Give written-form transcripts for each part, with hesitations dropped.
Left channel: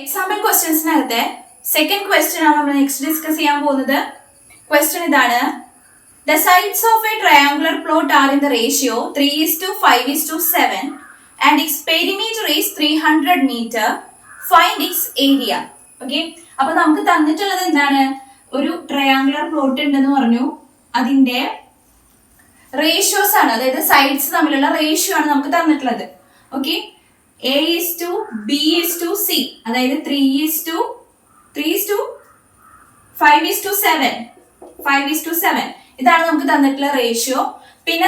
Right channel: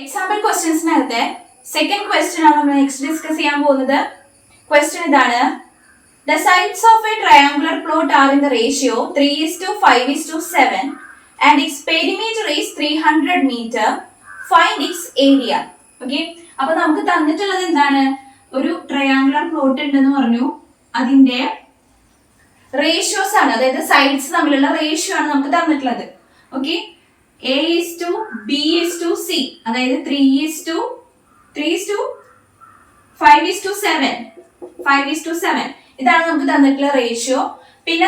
Example ക്വസ്റ്റ്യൻസിനകത്തെ second question ആണ് നമ്മൾ next discuss ചെയ്യാൻ പോകുന്നത്. ക്വസ്റ്റ്യൻ ഇതാണ്: The sides of a triangular plot are in the ratio 3:5:7 and its perimeter is 300 meter. Find its area. Okay, അപ്പൊ നമുക്ക് തന്നിട്ടുള്ളത് എന്താണ്? ഒരു ട്രയാങ്കുലർ പ്ലോട്ട് ഉണ്ടെന്ന് പറഞ്ഞു. അതിന്റെ റേഷ്യോസ് ആണ്, അതായത് സൈഡ്സ് തമ്മിലുള്ള റേഷ്യോ ആണ് നമുക്ക് തന്നിട്ടുള്ളത്. ഓക്കെ, A:B:C, അതായത് 3:5:7 ഇതാണ് നമുക്ക് തന്നിട്ടുള്ള റേഷ്യോ. പിന്നെ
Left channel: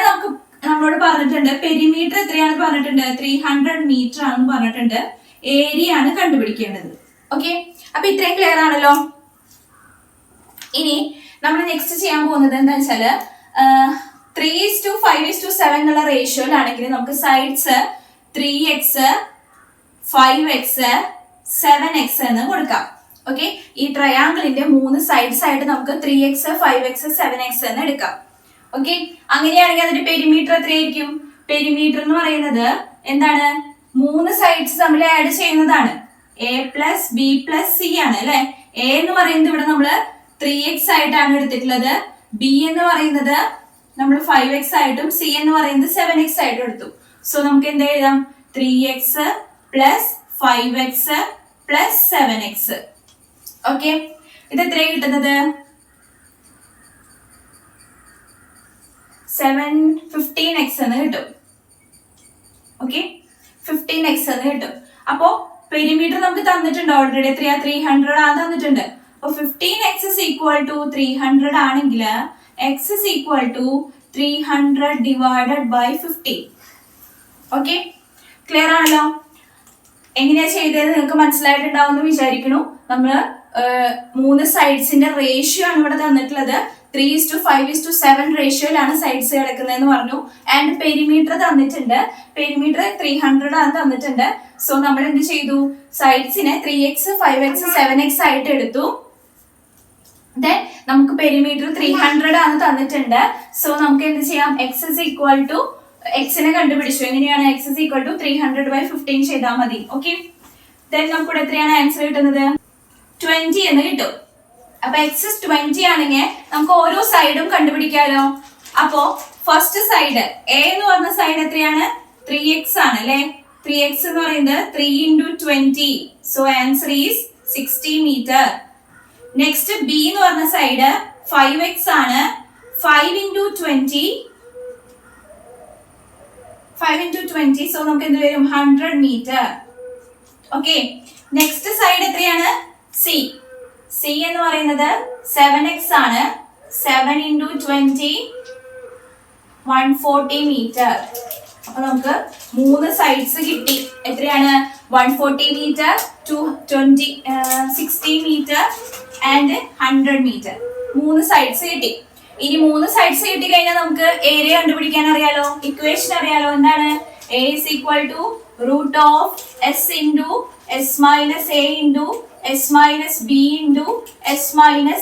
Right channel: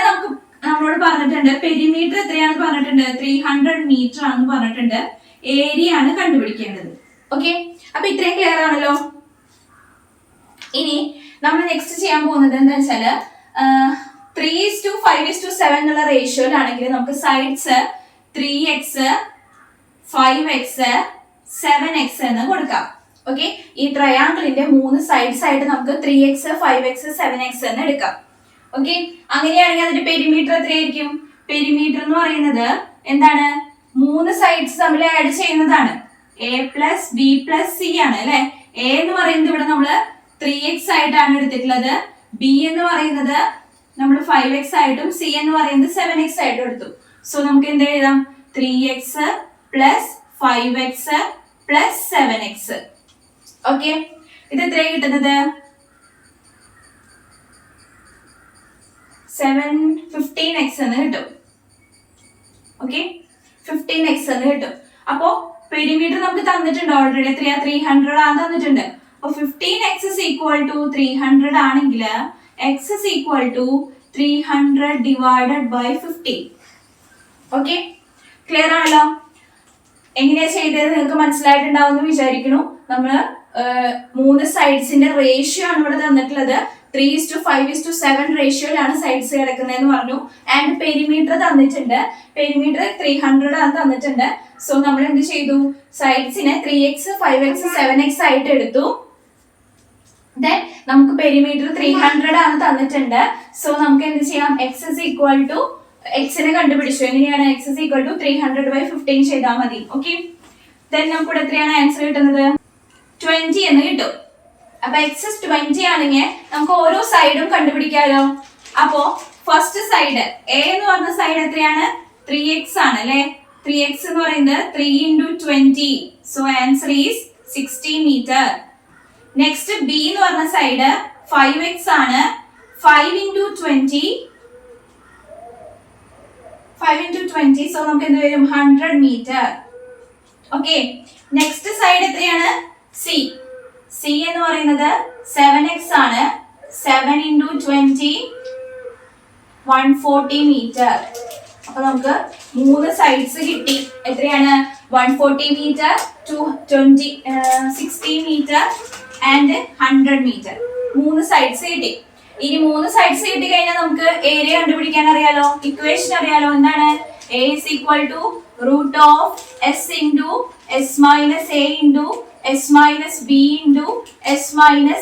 നമ്മളോട് പറഞ്ഞിട്ടുണ്ട് പെരിമീറ്റർ എത്രയാണെന്ന് പറഞ്ഞിട്ടുണ്ട്, 300 മീറ്റർ ആണെന്ന് പറഞ്ഞിട്ടുണ്ട്. ഏരിയ ആണ് കണ്ടുപിടിക്കേണ്ടത്. ഓക്കെ, അപ്പൊ ഇത്രയും ക്ലിയർ ആണല്ലോ. ഇനി നമ്മൾ നെക്സ്റ്റ് ചെയ്യാൻ പോകുന്നത് എന്താ വെച്ചാല് 3:5:7 എന്നുള്ള റേഷ്യോയിലാണെങ്കിൽ നമുക്ക് സൈഡ്സ് 3x 5x 7x എന്ന് കൊടുക്കാം. ഓക്കെ, ഈ ട്രയാങ്കിളിന്റെ 3 സൈഡ്സ് ആയിട്ട് നമുക്ക് 3x 5x 7x എന്ന് എടുക്കാം. ഓക്കെ, അങ്ങനെയാണെങ്കിൽ അതിന്റെ പെരിമീറ്റർ എത്രയായിരിക്കും? പെരിമീറ്റർ എന്ന് പറയുന്നത് എന്താണ്? 3 സൈഡ്സ് തമ്മിൽ ആഡ് ചെയ്യുന്നതാണ്. A+B+C ആണ് അല്ലെ. A എന്ന് പറയുന്നത് ഇവിടെ നമ്മള് 3x ആയിട്ടാണ് എടുത്തിട്ടുള്ളത്. B എന്ന് പറയുന്നത് നമ്മൾ 5x ആയിട്ടും C എന്ന് പറയുന്നത് 7x ആയിട്ടും എടുത്തു. സോ നമുക്ക് എന്താ എഴുതാം? 3x + 5x + 7x. ഓക്കെ, ഇത് എത്രയാണ് കിട്ടുന്നത്? 15x എന്ന് കിട്ടും. ഓക്കെ, 15x എന്ന് കിട്ടും. അപ്പോ പെരിമീറ്റർ നമുക്ക് തന്നിട്ടുണ്ട് ഓൾറെഡി. എത്രയാ? 300 ആണ് തന്നിട്ടുണ്ട്. അപ്പൊ 15x = 300 ആണെങ്കിൽ x = 300 / 15. ഓക്കെ, ക്ലിയർ ആണല്ലോ. എങ്ങനെയാ ചെയ്തത് നിങ്ങൾക്ക് മനസ്സിലായിട്ടുണ്ടാവും എന്ന് വിചാരിക്കുന്നു. നമ്മള് 3 സൈഡ്സിന്റെ റേഷ്യോ ആണ് ഇവിടെ തന്നിട്ടുള്ളത്. 3:5:7 റേഷ്യോയിലാണ് സൈഡ്സ് കിടക്കുന്നതെന്ന് പറഞ്ഞു. ആൻഡ് പെരിമീറ്റർ തന്നിട്ടുണ്ട്. പെരിമീറ്റർ 300 ആണ് തന്നിട്ടുണ്ട്. സോ നമ്മൾ എന്ത് ചെയ്തു? സൈഡ്സിനെ 3x 5x 7x ആയിട്ട് എടുത്തു. ദെൻ നമുക്ക് പെരിമീറ്റർ 300 ആണ് തന്നിട്ടുണ്ട്. സോ നമുക്ക് എന്ത് ചെയ്യാം? x നെ കണ്ടുപിടിച്ചു. എങ്ങനെയാണ്? x = 300 / 15 ചെയ്താൽ മതി. ഓക്കെ, ദെൻ നമുക്ക് എത്രയാണ് ആൻസർ കിട്ടുന്നത്? 20 എന്ന് കിട്ടും. അപ്പൊ x 20 ആണെങ്കിൽ നമുക്ക് ഓരോ സൈഡും കണ്ടുപിടിക്കാമല്ലോ. അപ്പോ ഫസ്റ്റ് സൈഡ് A എന്ന് പറഞ്ഞ സൈഡ് എത്രയാണ്? 3x ആണ് അല്ലെ. 3x എന്ന് പറയുന്നത് 3 × 20. So answer is 60 metre. Next B എന്ന് പറഞ്ഞ സൈഡ് 5x ആണ്. 5 × 20. സോ നമുക്ക് എന്ത് വരും? 100 മീറ്റർ. ഓക്കെ, നെക്സ്റ്റ് സൈഡ് എത്രയാണ്? C എന്ന് പറയുന്നത് 7x ആണ്. 7 × 20 140 മീറ്റർ. അപ്പൊ നമുക്ക് 3 സൈഡ്സ് കിട്ടി. എത്രയാണ്? 140 metre, 60 metre and 100 metre. 3 sides കിട്ടി. ഇനി 3 സൈഡ്സ് കിട്ടി കഴിഞ്ഞാൽ നമുക്ക് ഏരിയ കണ്ടുപിടിക്കാൻ അറിയാലോ. ഇക്വേഷൻ അറിയാലോ. എന്താണ്? A = √S × S - A × S - B × S -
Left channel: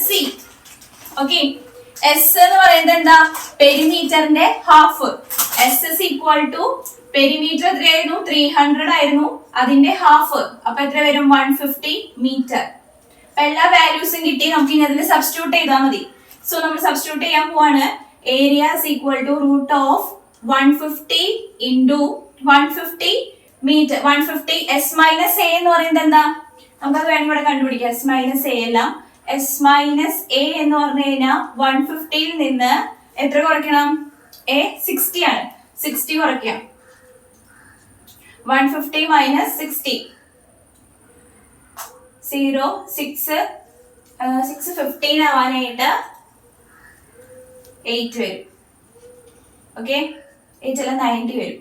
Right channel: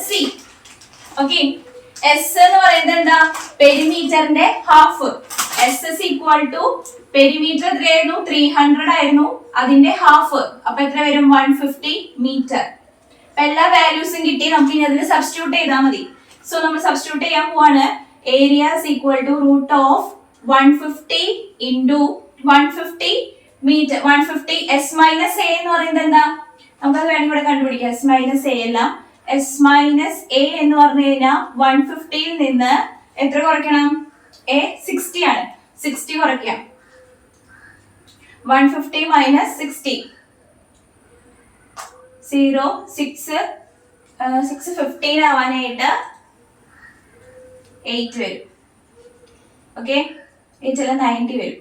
C. Okay, S എന്ന് പറയുന്നത് എന്താ? പെരിമീറ്ററിന്റെ ഹാഫ്. S = പെരിമീറ്റർ എത്രയായിരുന്നു? 300 ആയിരുന്നു. അതിന്റെ ഹാഫ്. അപ്പൊ എത്ര വരും? 150 മീറ്റർ. അപ്പൊ എല്ലാ വാല്യൂസും കിട്ടി. നമുക്ക് ഇനി അതിൽ സബ്സ്റ്റിറ്റ്യൂട്ട് ചെയ്താൽ മതി. സോ നമ്മൾ സബ്സ്റ്റിറ്റ്യൂട്ട് ചെയ്യാൻ പോവാണ്. Area = √150 × 150 metre. 150 S - A എന്ന് പറയുന്നത് എന്താ? നമുക്കത് വേണം ഇവിടെ കണ്ടുപിടിക്കാം. S - A അല്ല. S - A എന്ന് പറഞ്ഞു കഴിഞ്ഞാൽ 150 നിന്ന് എത്ര കുറയ്ക്കണം? A 60 ആണ്. 60 കുറയ്ക്കാം. 150 - 60 0 6 15 ആവാനായിട്ട് 8 വരും. ഓക്കെ, 8 അല്ല 90 വരും.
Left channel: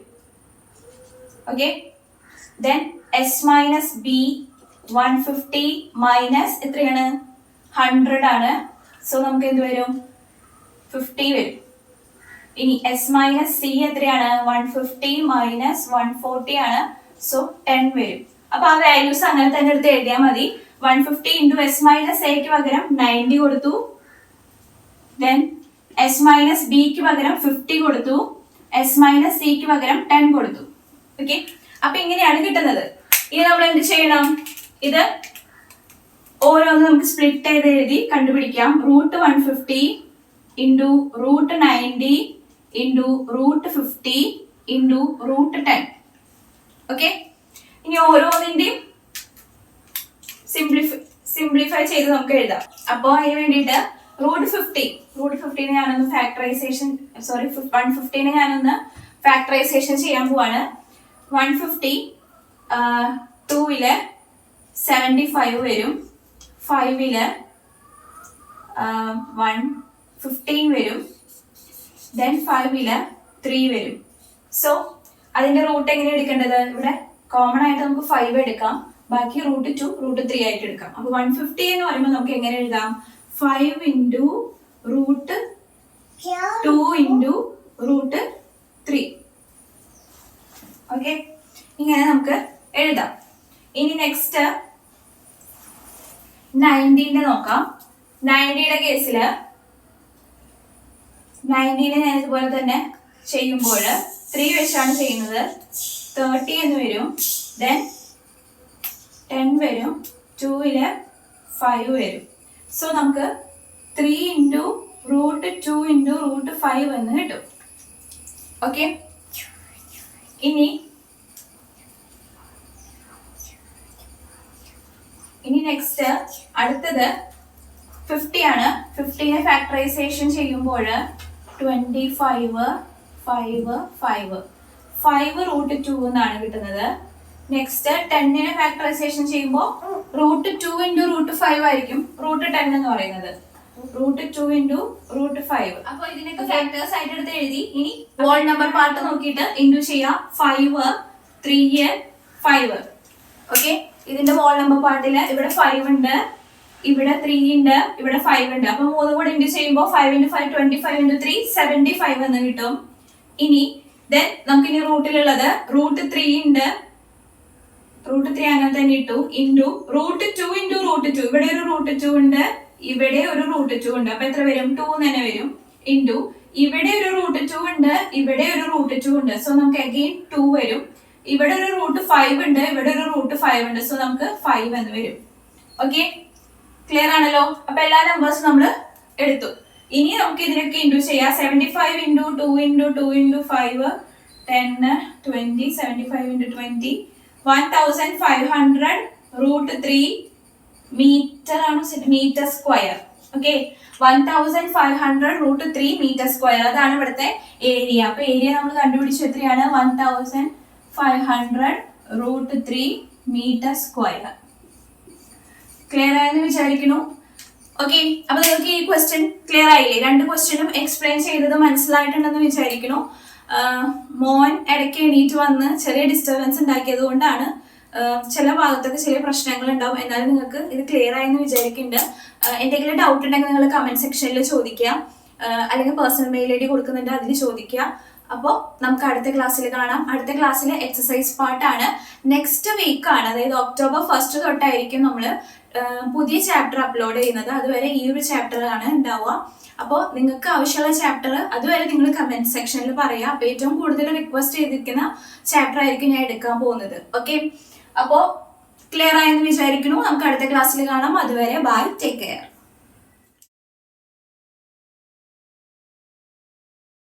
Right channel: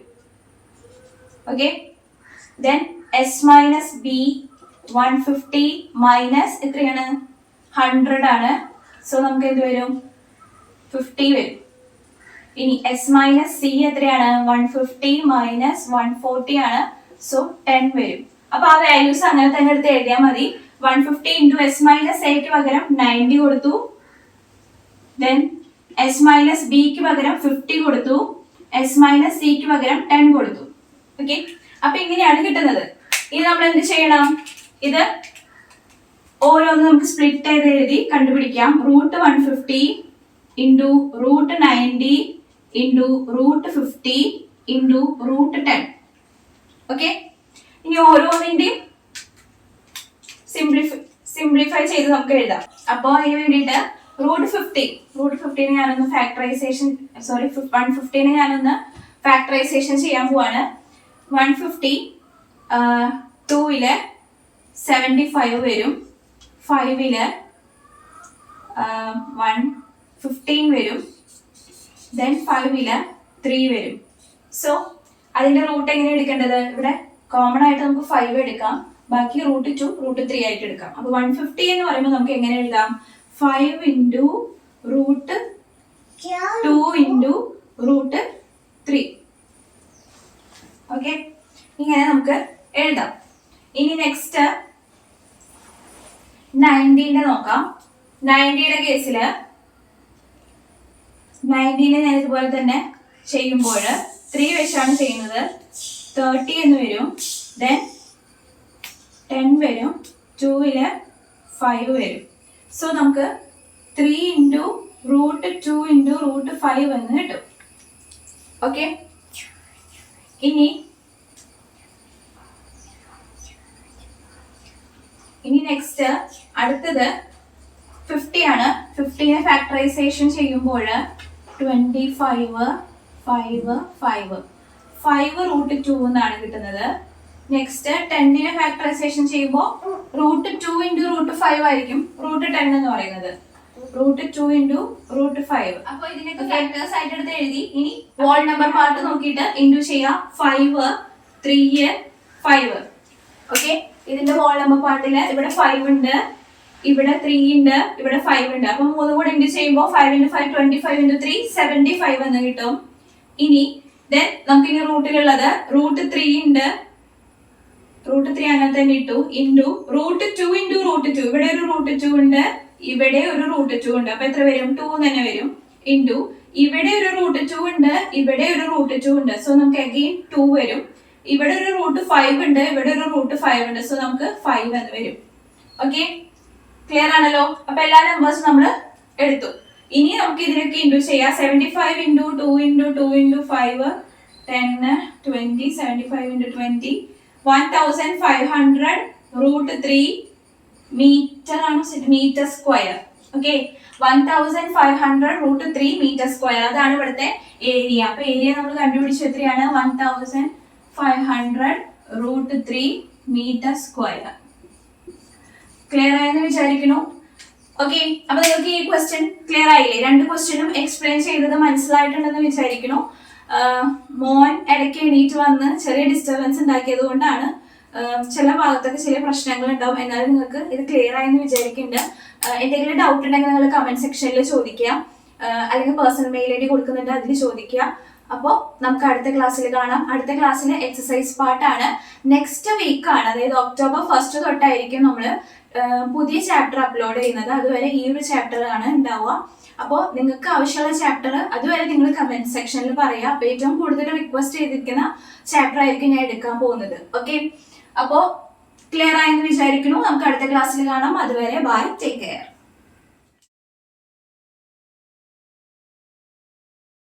Okay, then S - B 150 minus എത്രയാണ്? 100 ആണ്. സോ നമുക്ക് എന്ത് വരും? 50 വരും. ഇനി S - C എത്രയാണ്? 150 മൈനസ് 140 ആണ്. സോ 10 വരും. അപ്പൊ ആ വാല്യൂസ് അങ്ങനെ തന്നെ എടുത്ത് എഴുതിയാൽ മതി. 150 × S - A ക്ക് പകരം 90 കൊടുത്തു. ദെൻ S - B ക്ക് പകരം 50 കൊടുത്തു. S - C ക്ക് പകരം 10 കൊടുത്തു. ഓക്കെ, അപ്പൊ ഇങ്ങനെയാണ് കിട്ടുന്നത്. ഇനി നമ്മൾ എന്ത് ചെയ്യണം? ഇത് ഓരോന്ന് നമുക്ക് സ്പ്ലിറ്റ് ചെയ്ത് എഴുതി കണ്ടുപിടിക്കാം. √150 ഇൻറ്റു √90 ഇൻറ്റു √50 ഇൻറ്റു √10. ഓക്കെ, ഇനി ഓരോന്നിന്റെയും സിംപ്ലിഫൈ ചെയ്ത് നമുക്ക് എഴുതാം. അപ്പോൾ അതിന് വേണ്ടിയിട്ട് √50 ഞാനൊന്ന് ഫാക്ടറൈസേഷൻ 150 ഞാനൊന്ന് ഫാക്ടറൈസേഷൻ ചെയ്യാൻ പോവാണ്. 150 2 75 വരും, 5 115 വരും, ദെൻ 5 3 വരും. സോ അതിന്റെ റൂട്ട് എങ്ങനെ എടുക്കേണ്ടത്? ഇവിടെ കോമൺ ആയിട്ട് നമുക്ക് 5 എടുക്കാം, ബാക്കി √2 √3 ആയിട്ട് എടുക്കാം. അപ്പൊ 150 എന്ന് പറയുമ്പോൾ നമുക്ക് എങ്ങനെ എഴുതാം? 5 ഇൻറ്റു √2 ഇൻറ്റു √3. ഓക്കെ, ഇങ്ങനെ നമുക്ക് എഴുതാം. ഇനി നെക്സ്റ്റ് 90 നോക്കാം. 90 കേസില് 90 ഞാൻ ഇതുപോലെ തന്നെ ചെയ്യുമ്പോൾ 3 വെച്ചാണ് ചെയ്യുന്നത്. 30 എന്ന് വരും, ദെൻ 10 വരും, 2 5 വരും. സോ നമുക്ക് 3 ഇൻറ്റു √2 ഇൻറ്റു √5 എന്ന് കിട്ടും. ഓക്കെ, ഇനി നെക്സ്റ്റ് അടുത്തത് 50 ആണ്. 50നെ ഫാക്ടറൈസേഷൻ ചെയ്യുമ്പോൾ 25 5 5 √2 എന്നാണ് കിട്ടുന്നത്. നെക്സ്റ്റ് 10നെ ഫാക്ടറൈസേഷൻ ചെയ്യുമ്പോൾ √2 ഇൻറ്റു √5 ആയിരിക്കും √10 എന്ന് പറയുന്നത്. √2 ഇൻറ്റു √5. അപ്പൊ ഇതിനൊക്കെ ഫാക്ടേഴ്സ് ആയിട്ട് എടുത്ത് എഴുതി. ഇനി വോൾ നമ്പർ പാർട്ട് നോക്കിയിട്ട് ഇൻറ്റു ചെയ്യാം. 5 3 5. ഓക്കെ, ഇതിന്റെ വോൾ നമ്പർ പാർട്ടില് ഇവിടെ 5 ഉണ്ട്, ഇവിടെ 3 ഉണ്ട്, ഇവിടെ 5 ഉണ്ട്. അപ്പൊ 3 കൂടെ ഇൻറ്റു ചെയ്യുമ്പോൾ 5 × 5 25 × 3 75 എന്ന് കിട്ടും. ഇനി ദെൻ നമുക്ക് ഇനി റൂട്ടിലുള്ളത് √3 ഉണ്ട്, √3 അങ്ങനെ തന്നെ ഇട്ടു, ഇൻറ്റു √2 ഇൻറ്റു √2. ഇവിടെ ഒരു √2 ഉണ്ട്, ഇവിടെ ഒരു √2 ഉണ്ട്. അപ്പൊ എത്ര വരും? 2 തന്നെ വരും. ഇൻറ്റു ഇവിടെ ഒരു √2 ഉണ്ട്, ഇവിടെ ഒരു √2 ഉണ്ട്. സോ നമുക്ക് അഗെയിൻ 2 വരും. ഇവിടെ ഒരു √5 ഉണ്ട്, ഇവിടെ ഒരു √5 ഉണ്ട്. സോ നമുക്ക് 5 എന്ന് വരും. ഓക്കെ, ക്ലിയർ ആണല്ലോ? അപ്പൊ എല്ലാ നമ്പേഴ്സും നമ്മൾ എടുത്തു. ഇനി നമുക്ക് ഇതിനൊക്കെ ഇൻറ്റു ചെയ്യാം. 75 into 2 into 2 into 5 10 20 75 into 20 1500 √3 metre ആണ്, metre square. Okay, 1500 √3 metre square. അതാണ് ഇവിടുത്തെ ഏരിയ. അപ്പൊ ഏരിയ നമ്മൾ കണ്ടുപിടിച്ചു. എത്രയാണ്? 1500 √3 മീറ്റർ സ്ക്വയർ. ക്ലിയർ ആയെന്ന് വിചാരിക്കുന്നു. ഓക്കെ, അപ്പൊ നിങ്ങൾക്ക് ഈ ക്വസ്റ്റ്യൻ ക്ലിയർ ആയില്ലേ? 2 ക്വസ്റ്റ്യനും എക്സ്പ്ലെയിൻ ചെയ്തത് മനസ്സിലായിട്ടുണ്ടെന്ന് വിചാരിക്കുന്നു. മോൻ ഇടയ്ക്ക് എണീറ്റ് വന്ന് ചെറിയ ഡിസ്റ്റർബൻസ് ഉണ്ടാക്കിയത് കൊണ്ടാണ് ചില ഭാഗത്തൊക്കെ ചില പ്രശ്നങ്ങൾ ഉണ്ടാവും. എന്നാലും നിങ്ങൾക്ക് ഇത് ക്ലിയർ ആയെന്ന് വിചാരിക്കുന്നുണ്ട്. എന്തെങ്കിലും ഡൗട്ട് ഉണ്ടെങ്കിൽ നിങ്ങൾ കമന്റ് സെക്ഷനിൽ ചോദിക്കുക, അല്ലെങ്കിൽ പേഴ്സണൽ മെയിൽ ID കൊടുക്കുന്നുണ്ട്, അതിൽ ചോദിക്കുക. അപ്പോൾ നമുക്ക് അടുത്ത ക്ലാസ്സിൽ കാണാം. അടുത്ത ക്ലാസ്സിൽ എക്സസൈസ് പാർട്ടാണ്. നെക്സ്റ്റ് വീക്ക് ആണ്, അതായത് October 1 തൊട്ടായിരിക്കും നമ്മൾ പുതിയ ചാപ്റ്റർ അപ്ലോഡ് ചെയ്യുന്നത്. അതുവരെ ഈ ഒരു ചാപ്റ്റർ ആണ് ഉണ്ടാവുക. അപ്പോൾ നിങ്ങൾക്ക് ആവശ്യമുള്ള ചാപ്റ്റർ അതുവരെ നിങ്ങൾ കമന്റ് സെക്ഷനിൽ പറയുക. അപ്പോൾ ഏറ്റവും കൂടുതൽ റിക്വസ്റ്റ് ചെയ്തിരിക്കുന്ന ചാപ്റ്റർ ആയിരിക്കും ഞാൻ എടുക്കാൻ പോകുന്നത്. ഓക്കെ, അപ്പോൾ ക്ലിയർ ആയെന്ന് വിചാരിക്കുന്നു. നമുക്ക് അടുത്ത ക്ലാസ്സിൽ കാണാം. അതുവരെ ബൈ, ടേക്ക് കെയർ.